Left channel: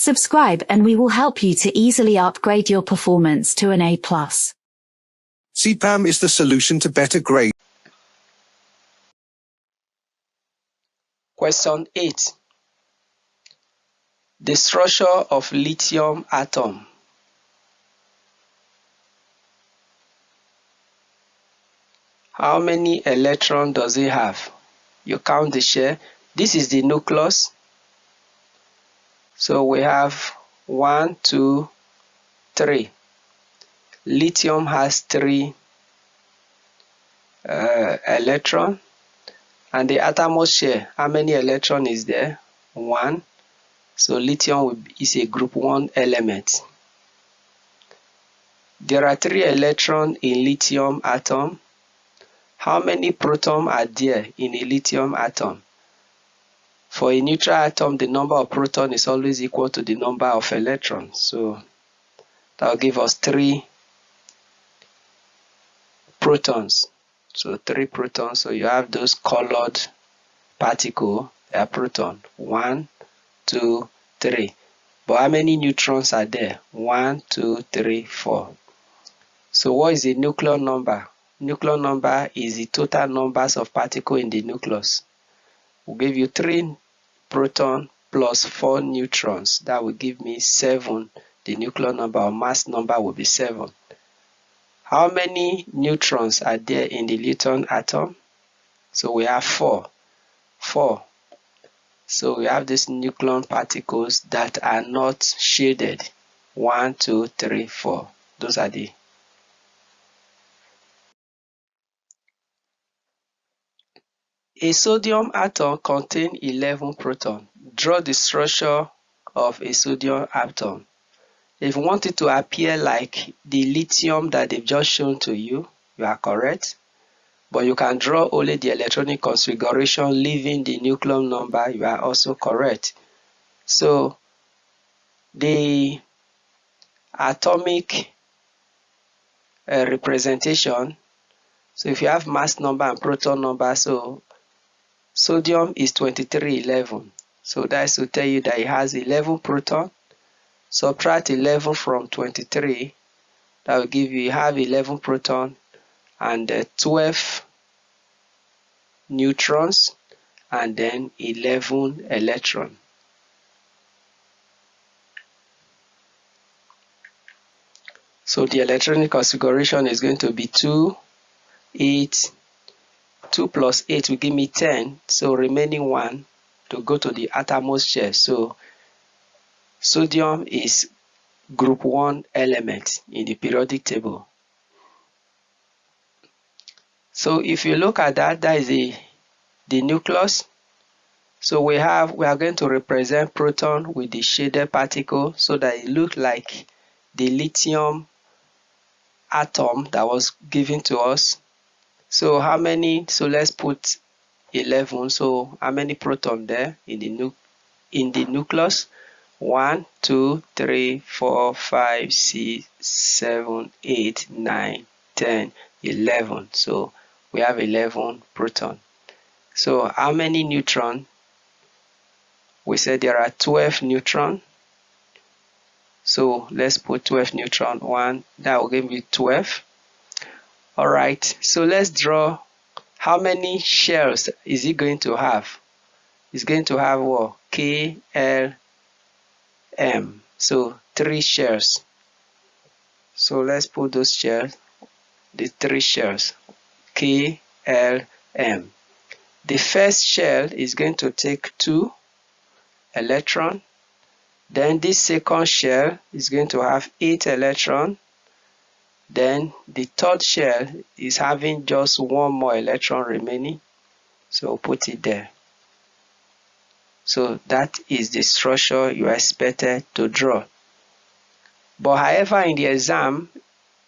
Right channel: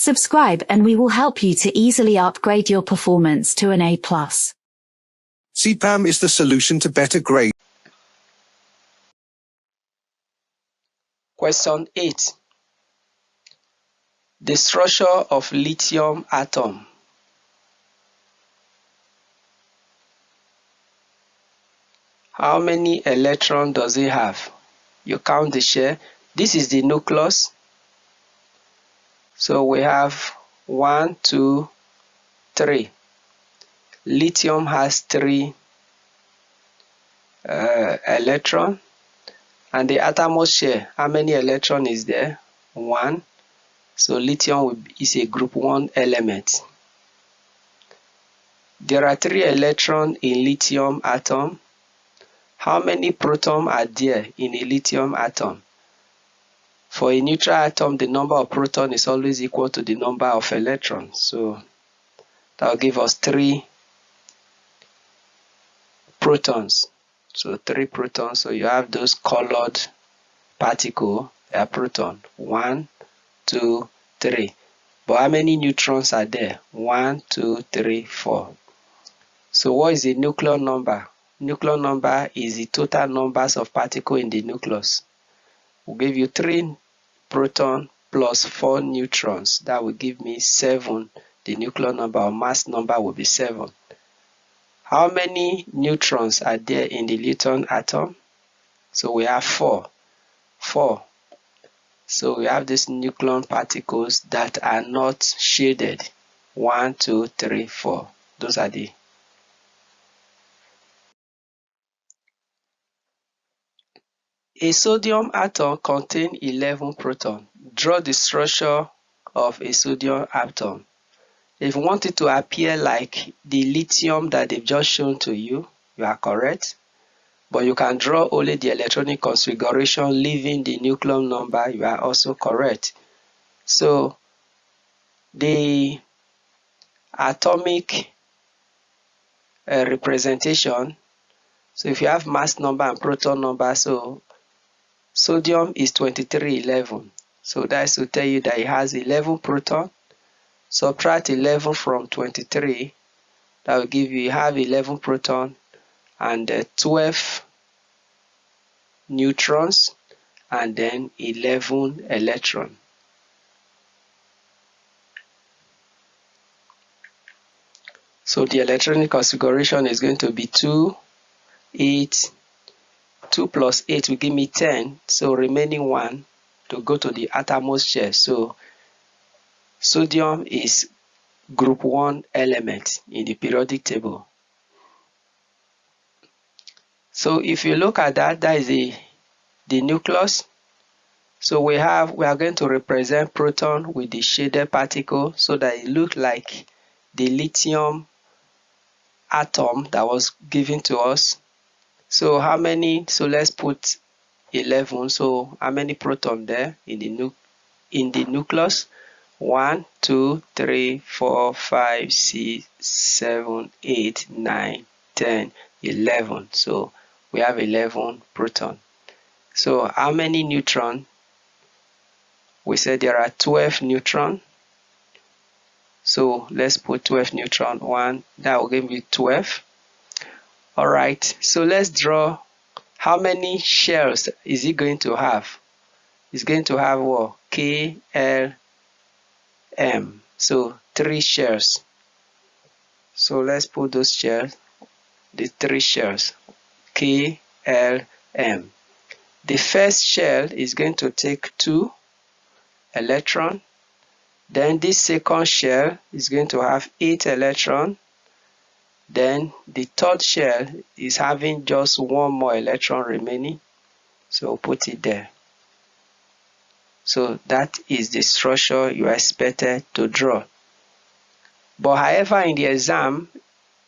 Subscribe and we will help you to easily upgrade your performance to an A+. SEPAM is the solution to better grade. Question 8. The structure of lithium atom. How many electrons does it have? You count the shell. This is the nucleus. So we have 1, 2, 3. Lithium has 3 electrons. And the outermost shell, how many electrons is there? 1. So lithium is a group 1 element. There are 3 electrons in lithium atom. How many protons are there in a lithium atom? For a neutral atom, the number of protons is always equal to the number of electrons. So that will give us 3 protons. So 3 protons. So you have those colored particles, they are protons. 1, 2, 3. But how many neutrons are there? 1, 2, 3, 4. So what is the nuclear number? Nuclear number is the total numbers of particles in the nucleus. We'll give you 3 protons plus 4 neutrons. That will give me 7. The nuclear number or mass number will be 7. How many neutrons are there in the lithium atom? So we have 4. 4. So we have these nucleon particles that are not shaded. 1, 2, 3, 4. Those are the. A sodium atom contains 11 protons. Draw the structure of a sodium atom. If you want it to appear like the lithium that they've just shown to you, you are correct. But you can draw only the electronic configuration, leaving the nuclear number, you are also correct. So the atomic representation, so if you have mass number and proton number, so sodium is 2311. So that's to tell you that it has 11 protons. Subtract 11 from 23, that will give you have 11 protons and 12 neutrons and then 11 electrons. So the electronic configuration is going to be 2, 8, 2 plus 8 will give me 10, so remaining 1 to go to the outermost shell. So sodium is group 1 element in the periodic table. So if you look at that, that is the nucleus. So we are going to represent proton with the shaded particle so that it looks like the lithium atom that was given to us. So how many? So let's put 11. So how many protons there in the nucleus? 1, 2, 3, 4, 5, 6, 7, 8, 9, 10, 11. So we have 11 protons. So how many neutrons? We said there are 12 neutrons. So let's put 12 neutrons. 1, that will give me 12. Alright, so let's draw how many shells is it going to have? It's going to have what? K, L, M. So 3 shells. So let's put those shells, the 3 shells, K, L, M. The first shell is going to take 2 electrons. Then this second shell is going to have 8 electrons. Then the third shell is having just 1 more electron remaining. So put it there. So that is the structure you are expected to draw. But however, in the exam,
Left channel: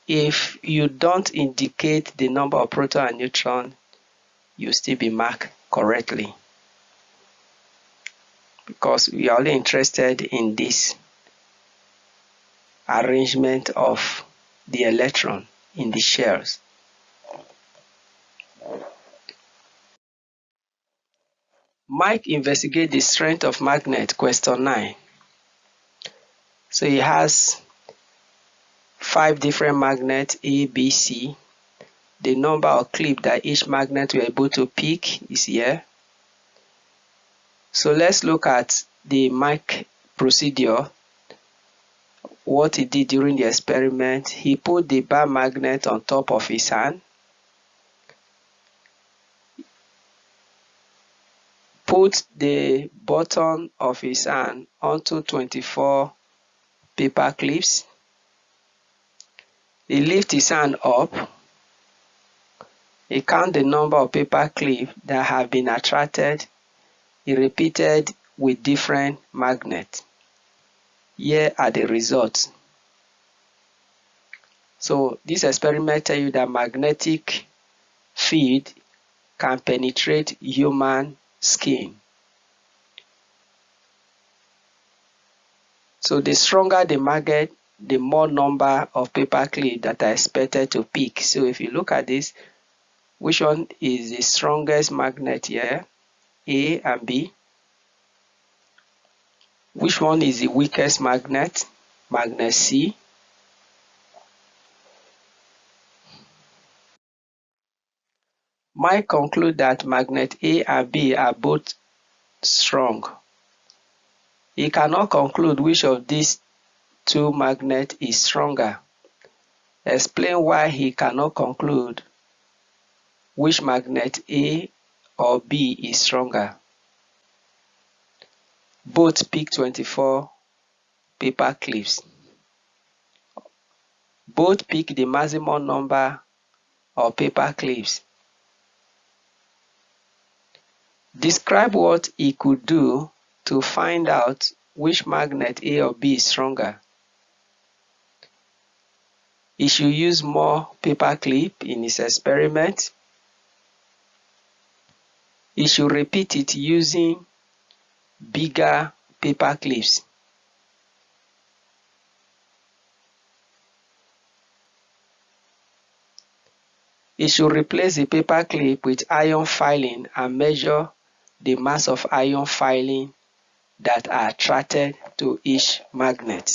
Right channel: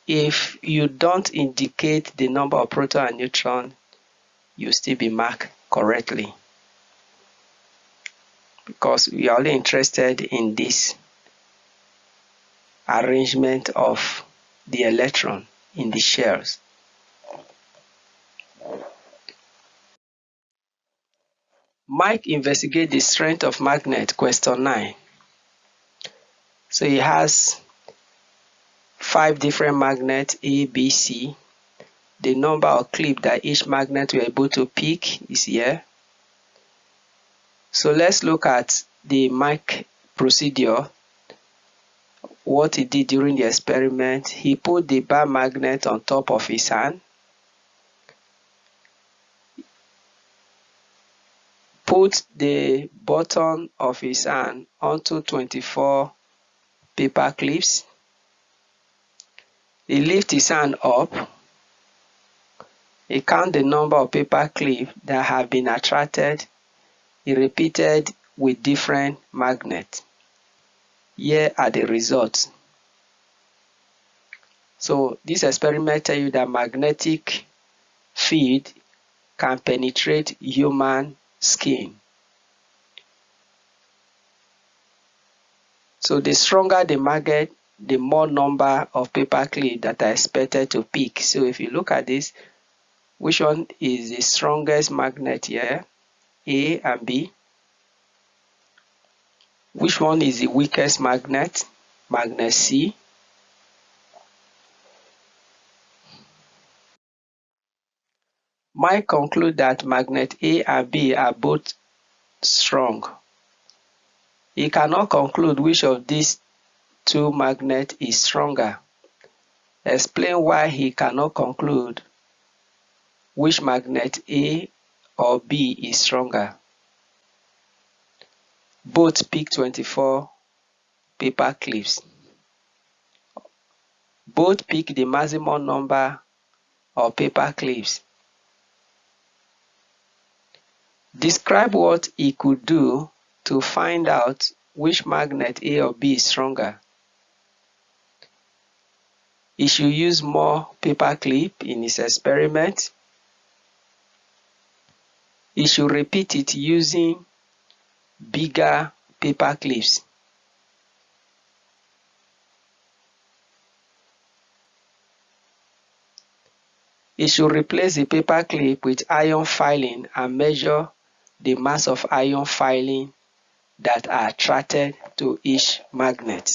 if you don't indicate the number of proton and neutron, you still be marked correctly. Because we are only interested in this arrangement of the electron in the shells. Mike investigate the strength of magnet, question 9. So it has 5 different magnets, A, B, C. The number of clips that each magnet we're able to pick is here. So let's look at the Mike procedure. What he did during the experiment, he put the bar magnet on top of his hand, put the bottom of his hand onto 24 paper clips. He lifts his hand up. He counts the number of paper clips that have been attracted. He repeated with different magnets. Here are the results. So this experiment tells you that magnetic field can penetrate human skin. So the stronger the magnet, the more number of paper clips that are expected to pick. So if you look at this, which one is the strongest magnet here? A and B. Which one is the weakest magnet? Magnet C. Might conclude that magnet A and B are both strong. He cannot conclude which of these two magnets is stronger. Explain why he cannot conclude which magnet A or B is stronger. Both pick 24 paper clips. Both pick the maximum number of paper clips. Describe what he could do to find out which magnet A or B is stronger. He should use more paper clip in his experiment. He should repeat it using bigger paper clips. He should replace the paper clip with iron filing and measure the mass of iron filing that are attracted to each magnet.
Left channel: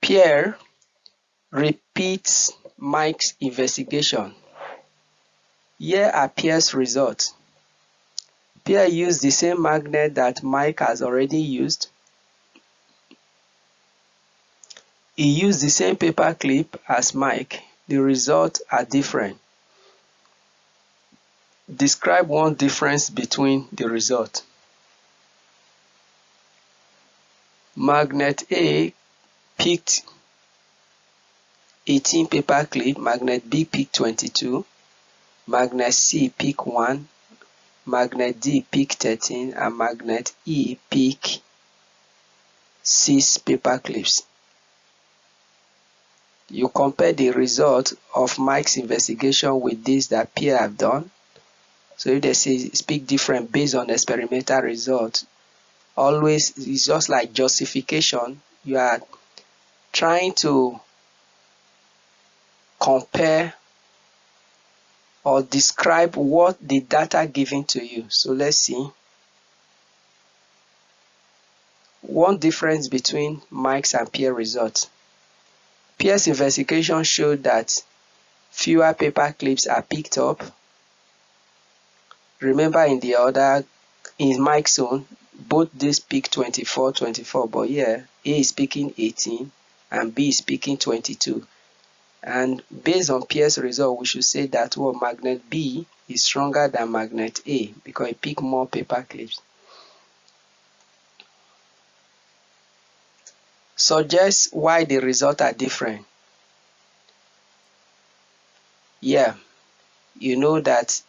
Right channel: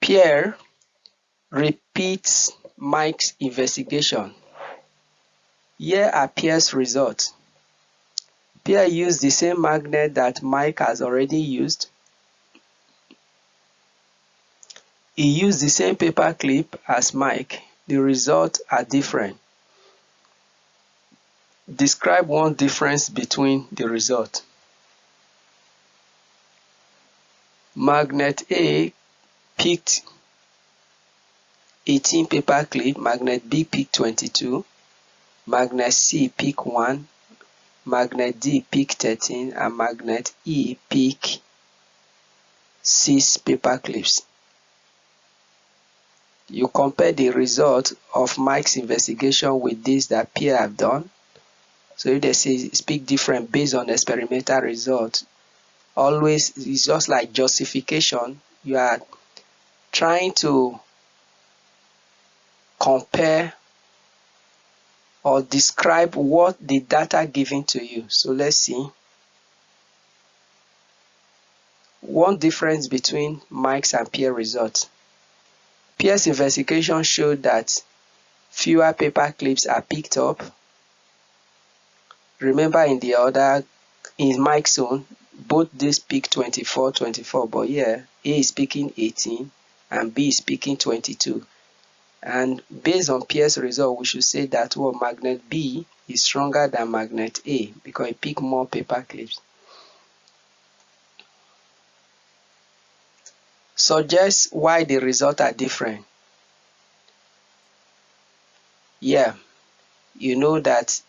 Pierre repeats Mike's investigation. Here are Pierre's results. Pierre used the same magnet that Mike has already used. He used the same paper clip as Mike. The results are different. Describe one difference between the results. Magnet A picked 18 paper clip, magnet B picked 22, magnet C picked 1, magnet D picked 13, and magnet E picked 6 paper clips. You compare the result of Mike's investigation with this that Pierre have done. So if they say speak different based on experimental results, always it's just like justification. You are trying to compare or describe what the data given to you. So let's see. One difference between Mike's and Pierre's results. Pierre's investigation showed that fewer paper clips are picked up. Remember in Mike's own, both these pick 24, but here A is picking 18 and B is picking 22. And based on Pierre's result, we should say that magnet B is stronger than magnet A because it picked more paper clips. Suggest why the results are different. Yeah, you know that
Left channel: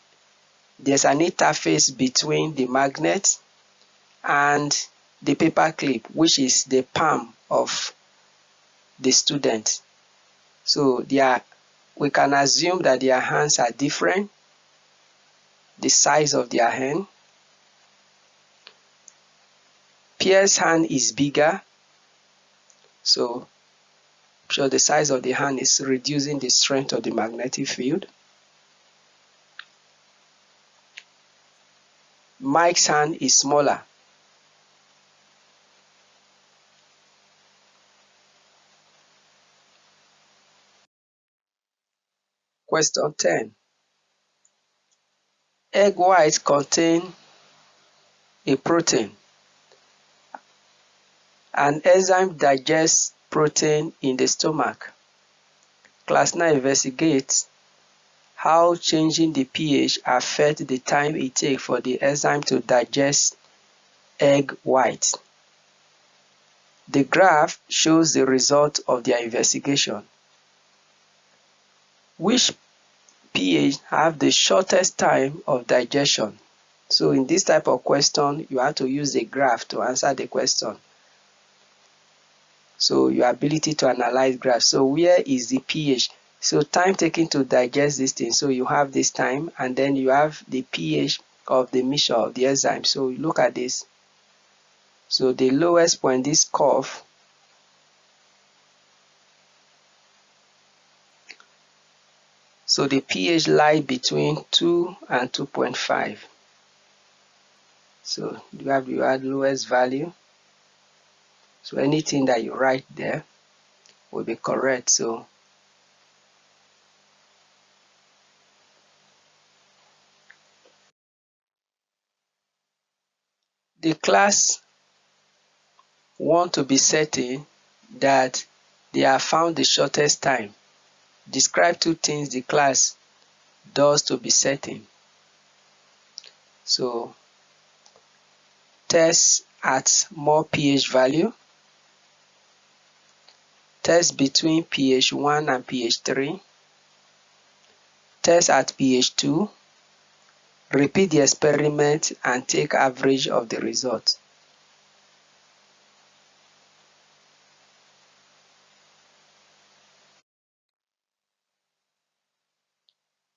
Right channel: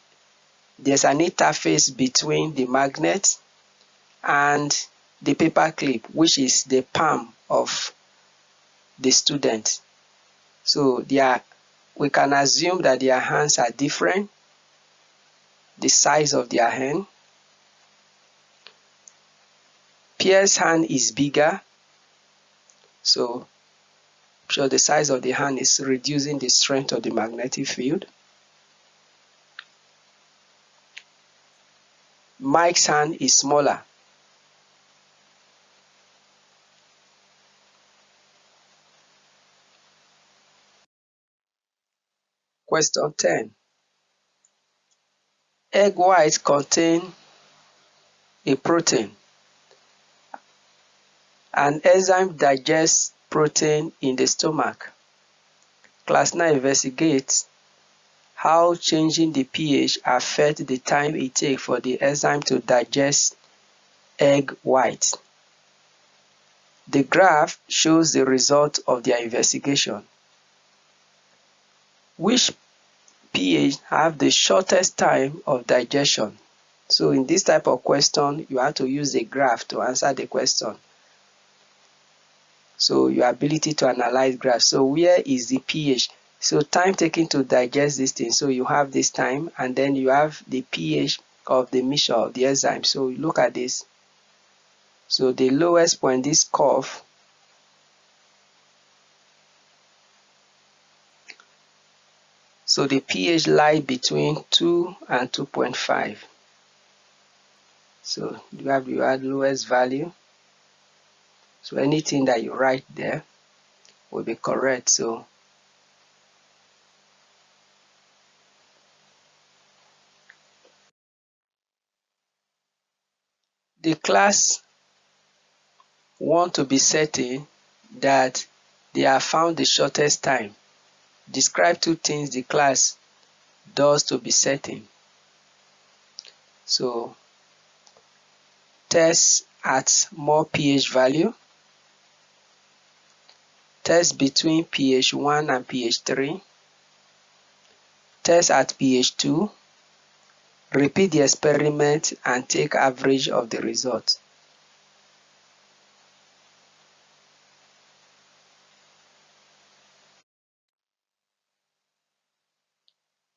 there's an interface between the magnet and the paper clip, which is the palm of the student. So we can assume that their hands are different, the size of their hand. Pierre's hand is bigger, so the size of the hand is reducing the strength of the magnetic field. Mike's hand is smaller. Question 10. Egg whites contain a protein. An enzyme digests protein in the stomach. Class 9 investigates how changing the pH affects the time it takes for the enzyme to digest egg whites. The graph shows the result of their investigation. Which pH have the shortest time of digestion? So in this type of question, you have to use a graph to answer the question. So your ability to analyze graphs. So where is the pH? So time taken to digest this thing. So you have this time, and then you have the pH of the mixture of the enzyme. So look at this. So the lowest point, this curve, so the pH lies between 2 and 2.5. So you have your lowest value. So anything that you write there will be correct. So the class want to be certain that they have found the shortest time. Describe 2 things the class does to be certain. So test at more pH value, test between pH 1 and pH 3, test at pH 2, repeat the experiment and take average of the result.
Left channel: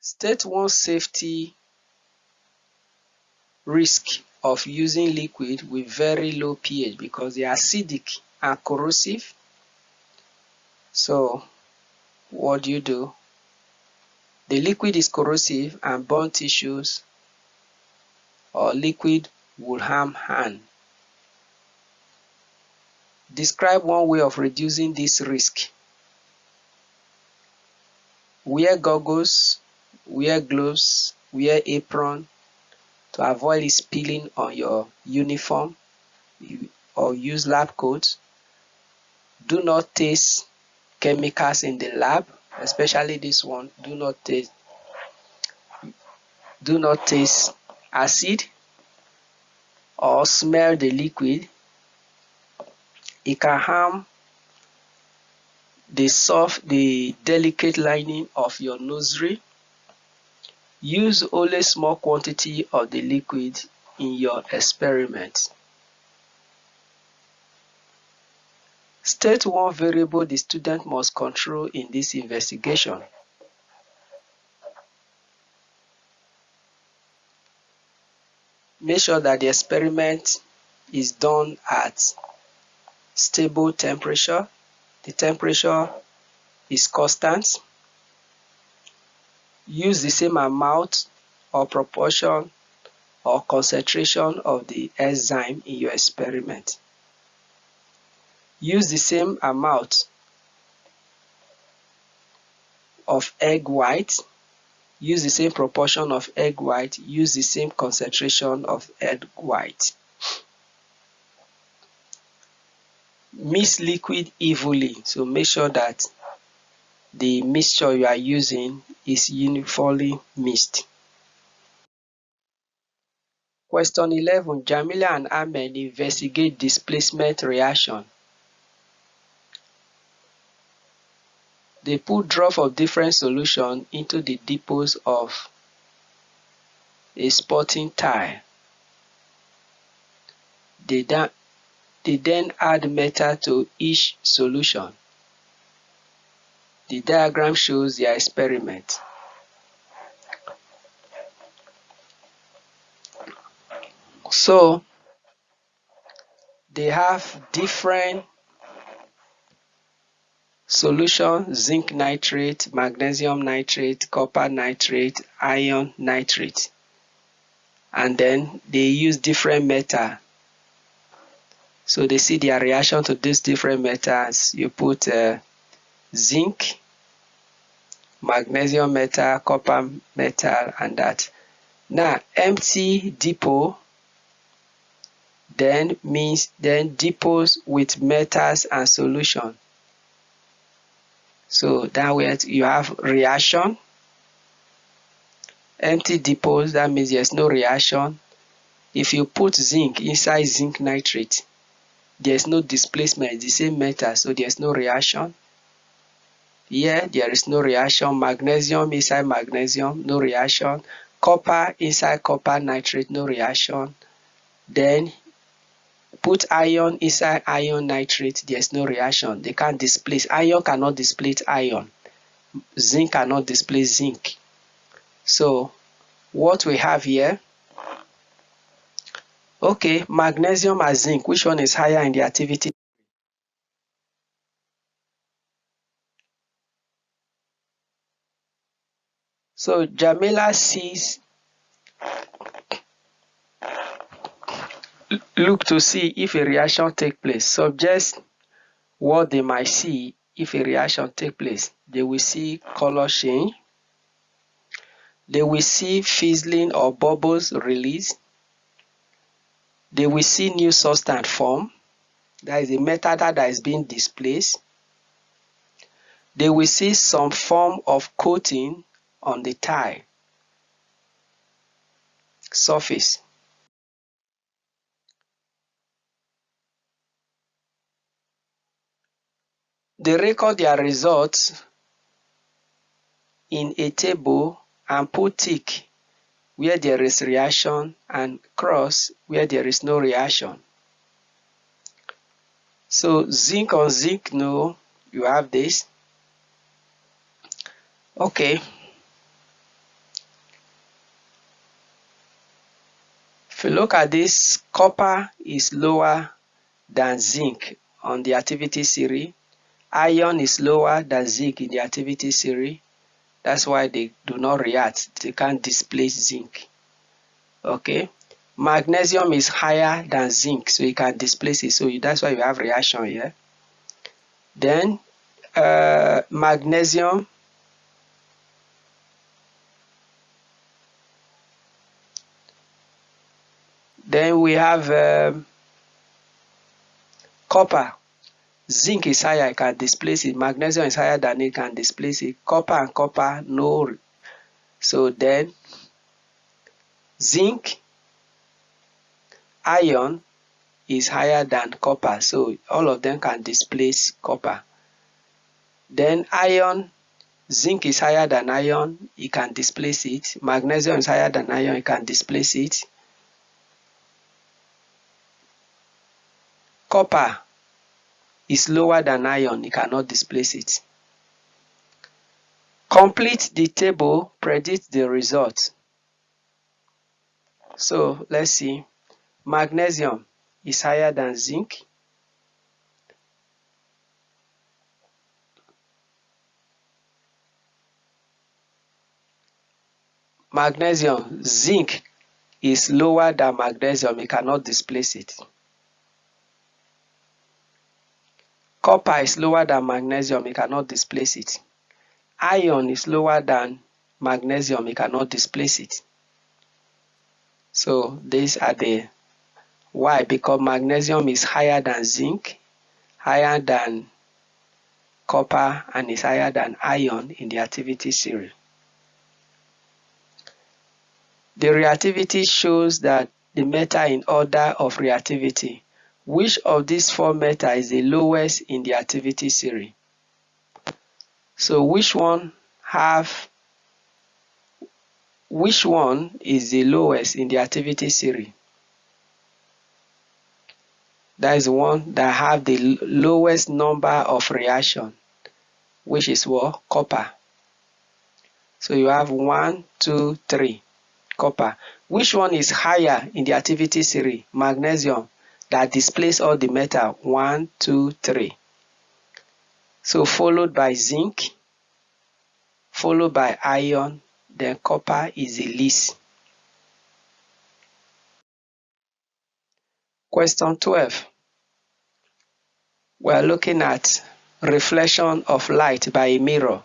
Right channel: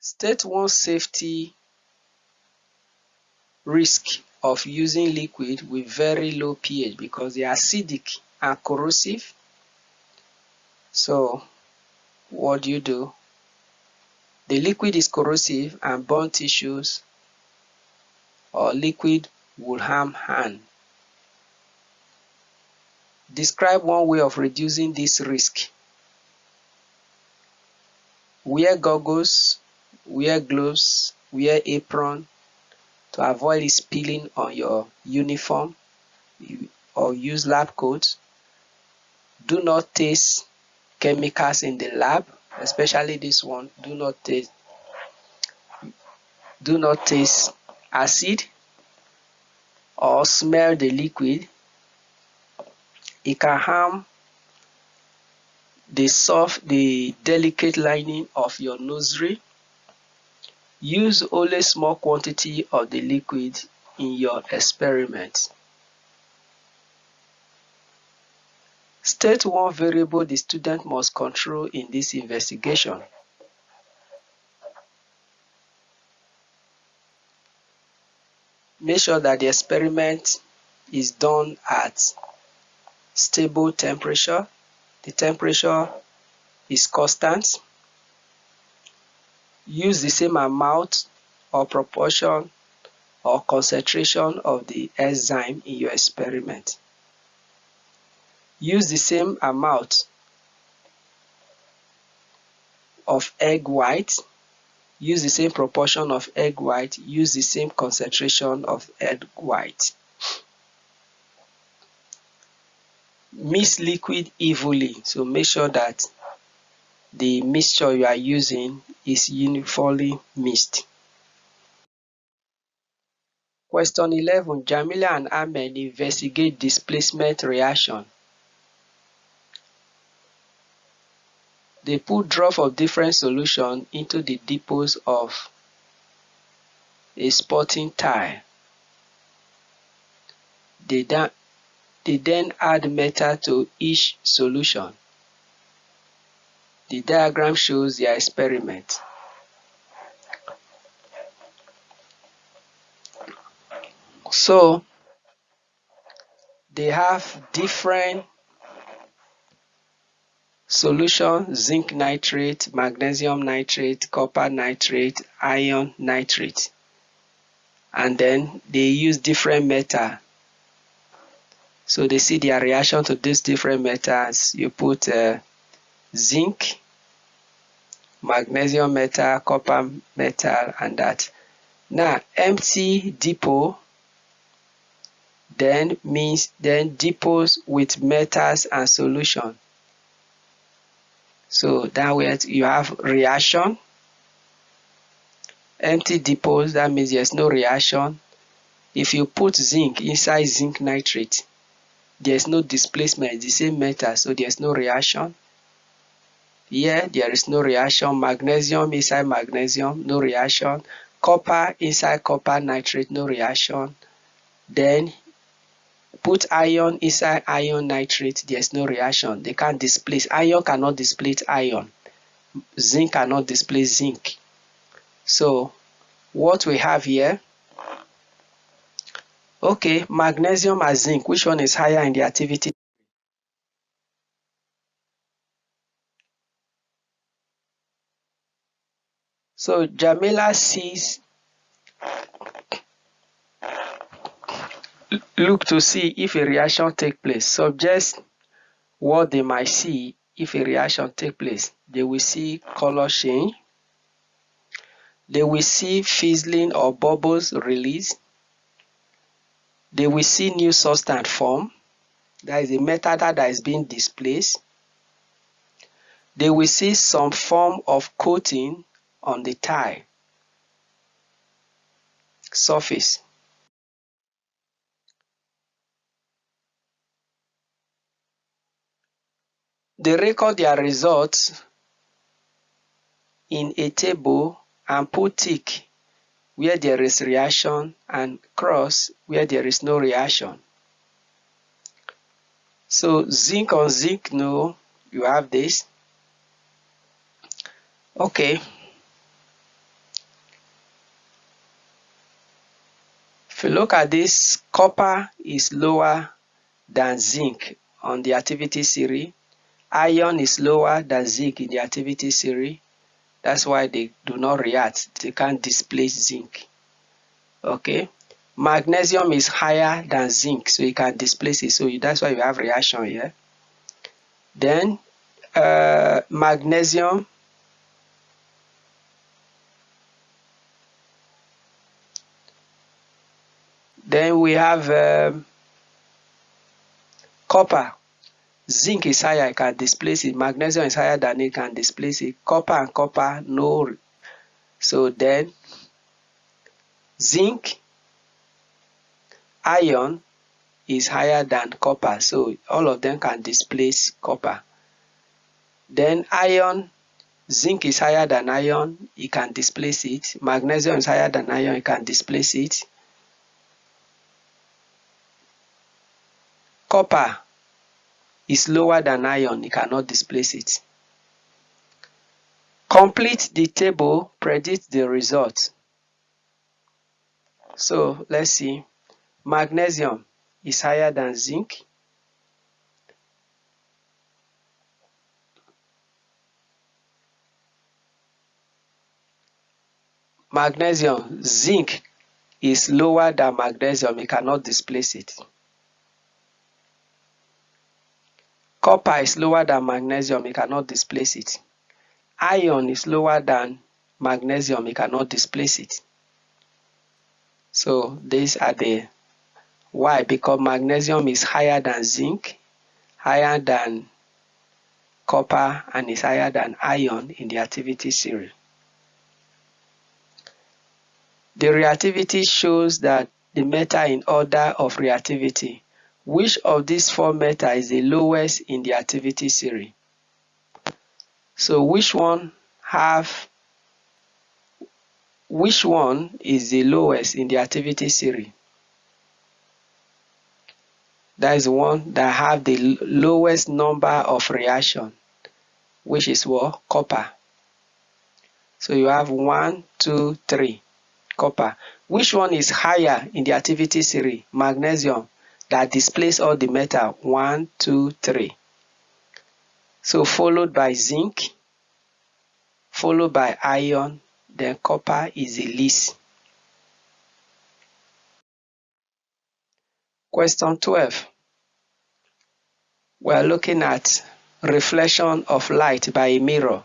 State one safety risk of using liquid with very low pH because they are acidic and corrosive. So what do? The liquid is corrosive and burn tissues, or liquid will harm hand. Describe one way of reducing this risk. Wear goggles, wear gloves, wear apron to avoid it spilling on your uniform, or use lab coats. Do not taste chemicals in the lab, especially this one. Do not taste acid or smell the liquid. It can harm the delicate lining of your nostril. Use only small quantity of the liquid in your experiment. State one variable the student must control in this investigation. Make sure that the experiment is done at stable temperature. The temperature is constant. Use the same amount or proportion or concentration of the enzyme in your experiment. Use the same amount of egg white. Use the same proportion of egg white. Use the same concentration of egg white. Mix liquid evenly. So make sure that the mixture you are using is uniformly mixed. Question 11. Jamila and Ahmed investigate displacement reaction. They put drops of different solution into the depots of a sporting tile. They then add metal to each solution. The diagram shows their experiment. So they have different solutions: zinc nitrate, magnesium nitrate, copper nitrate, iron nitrate. and then they use different metal. So they see their reaction to these different metals. You put zinc, magnesium metal, copper metal, and that. Now, empty depot then means depots with metals and solution. So that way you have reaction. Empty depots, that means there's no reaction. If you put zinc inside zinc nitrate, there's no displacement, it's the same metal, so there's no reaction. Here, there is no reaction. Magnesium inside magnesium, no reaction. Copper inside copper nitrate, no reaction. Then put iron inside iron nitrate, there's no reaction. They can't displace. Iron cannot displace iron. Zinc cannot displace zinc. So what we have here, okay, magnesium and zinc, which one is higher in the activity? So Jamila sees, look to see if a reaction take place. Suggest what they might see if a reaction take place. They will see color change. They will see fizzling or bubbles release. They will see new substance form. That is a metal that is being displaced. They will see some form of coating on the tile surface. They record their results in a table and put tick where there is reaction and cross where there is no reaction. So zinc on zinc, no, you have this. Okay. If you look at this, copper is lower than zinc on the activity series. Iron is lower than zinc in the activity series. That's why they do not react. They can't displace zinc. Okay. Magnesium is higher than zinc, so you can displace it. So that's why you have reaction here. Then magnesium, then we have copper. Zinc is higher, it can displace it. Magnesium is higher than it, can displace it. Copper and copper, no. So then zinc, iron is higher than copper, so all of them can displace copper. Then iron, zinc is higher than iron, it can displace it. Magnesium is higher than iron, it can displace it. Copper is lower than iron, it cannot displace it. Complete the table, predict the result. So let's see. Magnesium is higher than zinc. Magnesium, zinc is lower than magnesium, it cannot displace it. Copper is lower than magnesium, it cannot displace it. Iron is lower than magnesium, it cannot displace it. So these are the why, because magnesium is higher than zinc, higher than copper, and is higher than iron in the activity series. The reactivity shows that the metal in order of reactivity. Which of these four metals is the lowest in the activity series? So which one is the lowest in the activity series? That is the one that have the lowest number of reaction, which is what? Copper. So you have 1, 2, 3, copper. Which one is higher in the activity series? Magnesium, that displays all the metal. 1, 2, 3. So followed by zinc, followed by iron, then copper is the least. Question 12. We are looking at reflection of light by a mirror.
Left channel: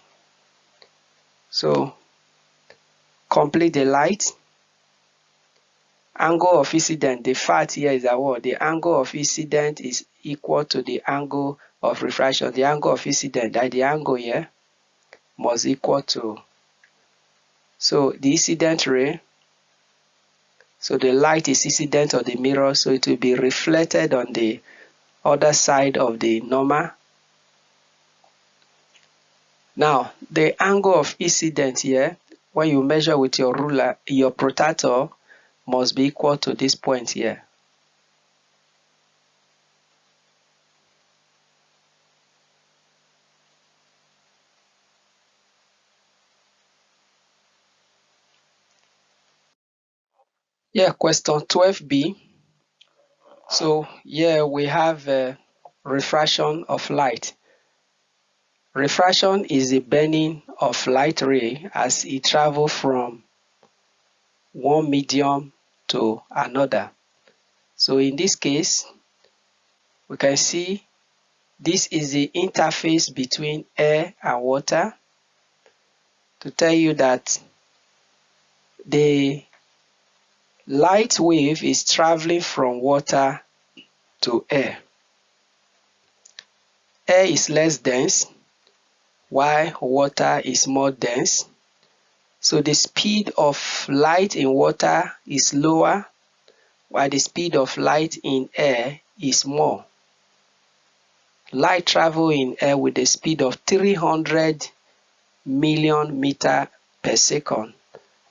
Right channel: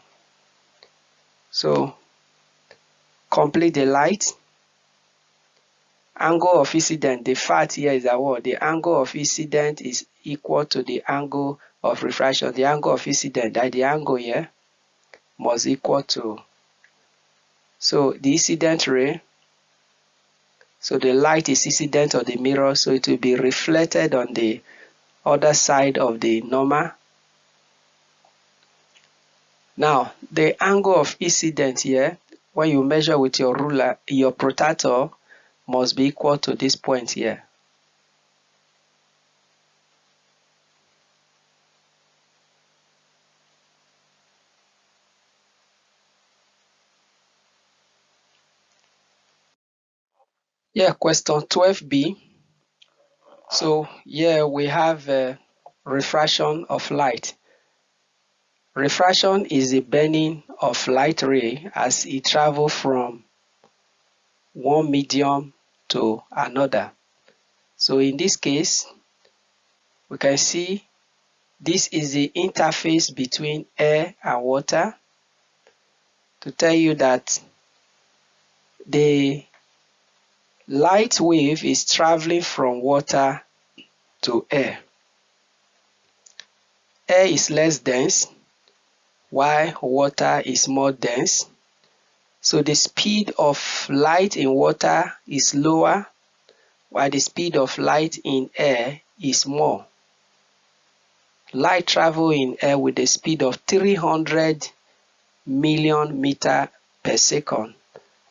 So complete the light. Angle of incidence, the fact here is that what? The angle of incidence is equal to the angle of refraction. The angle of incidence, that the angle here must equal to, so the incident ray, so the light is incident on the mirror, so it will be reflected on the other side of the normal. Now, the angle of incidence here, when you measure with your ruler, your protractor must be equal to this point here. Yeah, question 12b. So here we have refraction of light. Refraction is the bending of light ray as it travels from one medium to another. So in this case, we can see this is the interface between air and water, to tell you that the light wave is traveling from water to air. Air is less dense, while water is more dense. So the speed of light in water is lower, while the speed of light in air is more. Light travels in air with a speed of 300 million meters per second,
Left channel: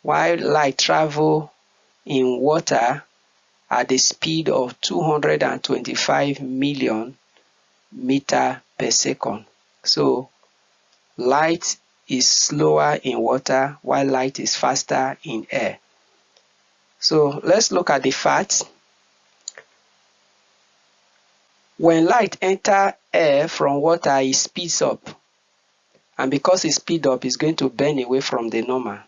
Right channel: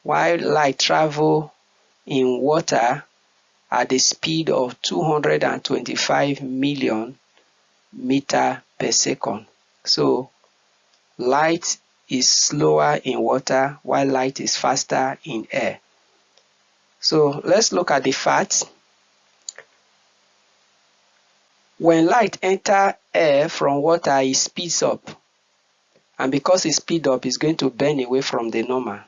while light travels in water at the speed of 225 million meters per second. So light is slower in water while light is faster in air. So let's look at the facts. When light enters air from water, it speeds up. And because it speeds up, it's going to bend away from the normal.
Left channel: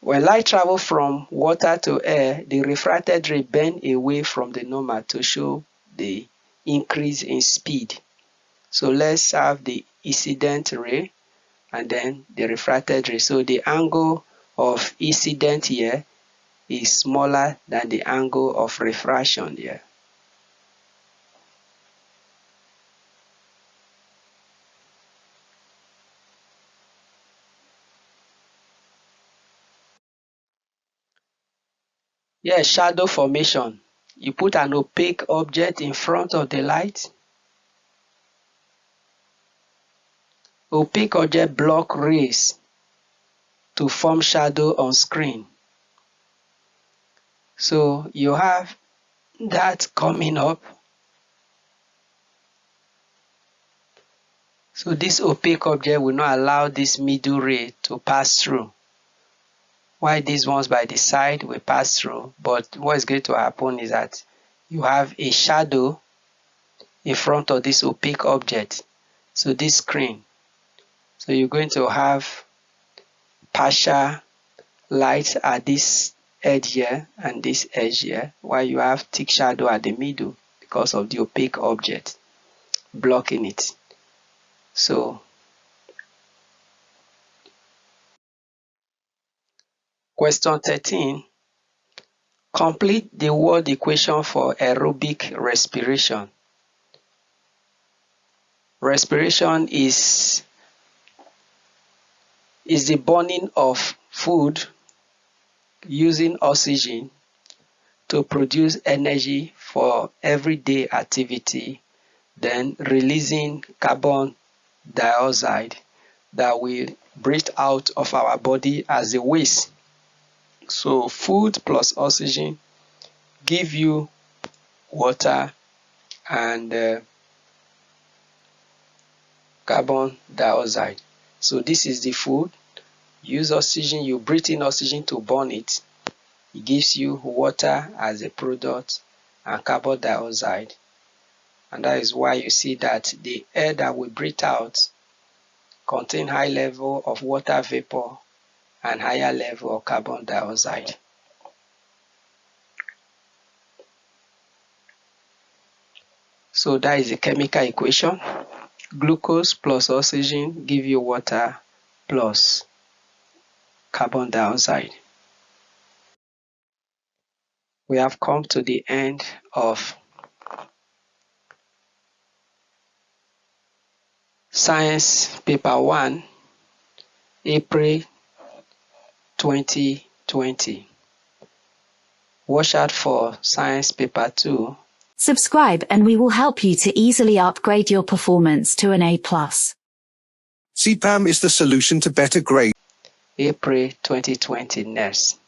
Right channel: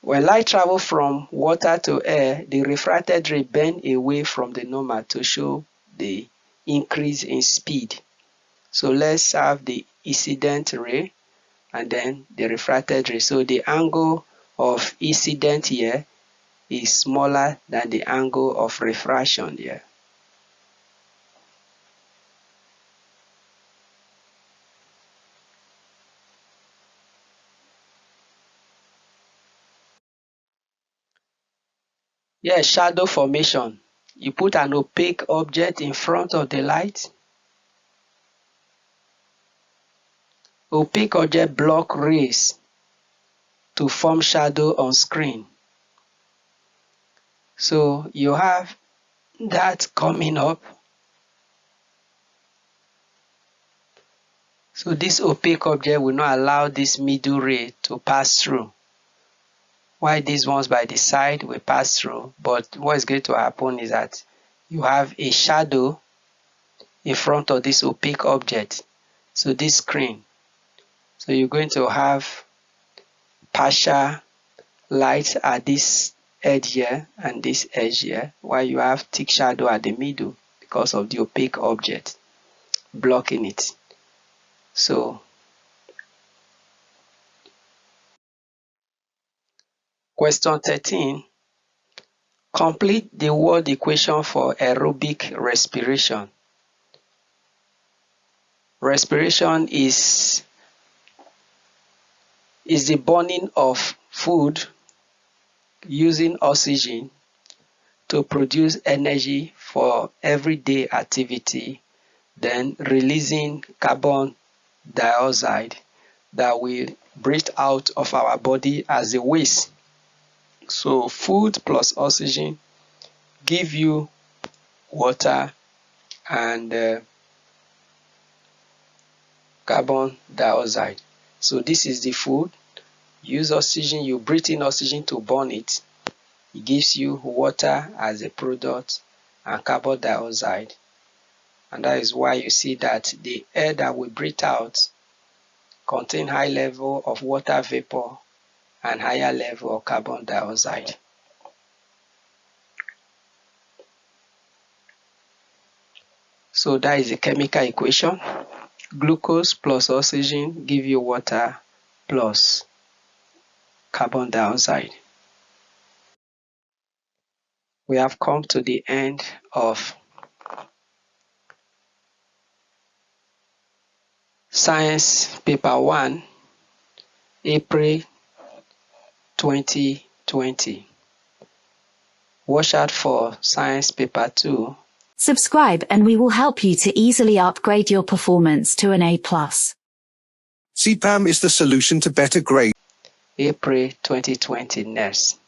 When light travels from water to air, the refracted ray bends away from the normal to show the increase in speed. So let's have the incident ray and then the refracted ray. So the angle of incident here is smaller than the angle of refraction here. Yes, shadow formation. You put an opaque object in front of the light. Opaque object block rays to form shadow on screen. So you have that coming up. So this opaque object will not allow this middle ray to pass through, while these ones by the side will pass through. But what is going to happen is that you have a shadow in front of this opaque object, so this screen. So you're going to have partial light at this edge here and this edge here, while you have thick shadow at the middle because of the opaque object blocking it. So question 13, complete the word equation for aerobic respiration. Respiration is the burning of food using oxygen to produce energy for everyday activity, then releasing carbon dioxide that we breathe out of our body as a waste. So food plus oxygen give you water and carbon dioxide. So this is the food. Use oxygen, you breathe in oxygen to burn it. It gives you water as a product and carbon dioxide. And that is why you see that the air that we breathe out contain high level of water vapor and higher level of carbon dioxide. So that is the chemical equation. Glucose plus oxygen give you water plus carbon dioxide. We have come to the end of Science Paper 1, April 2020. Watch out for Science Paper 2. Subscribe and we will help you to easily upgrade your performance to an A+. SEPAM is the solution to better grades. April 2020 next.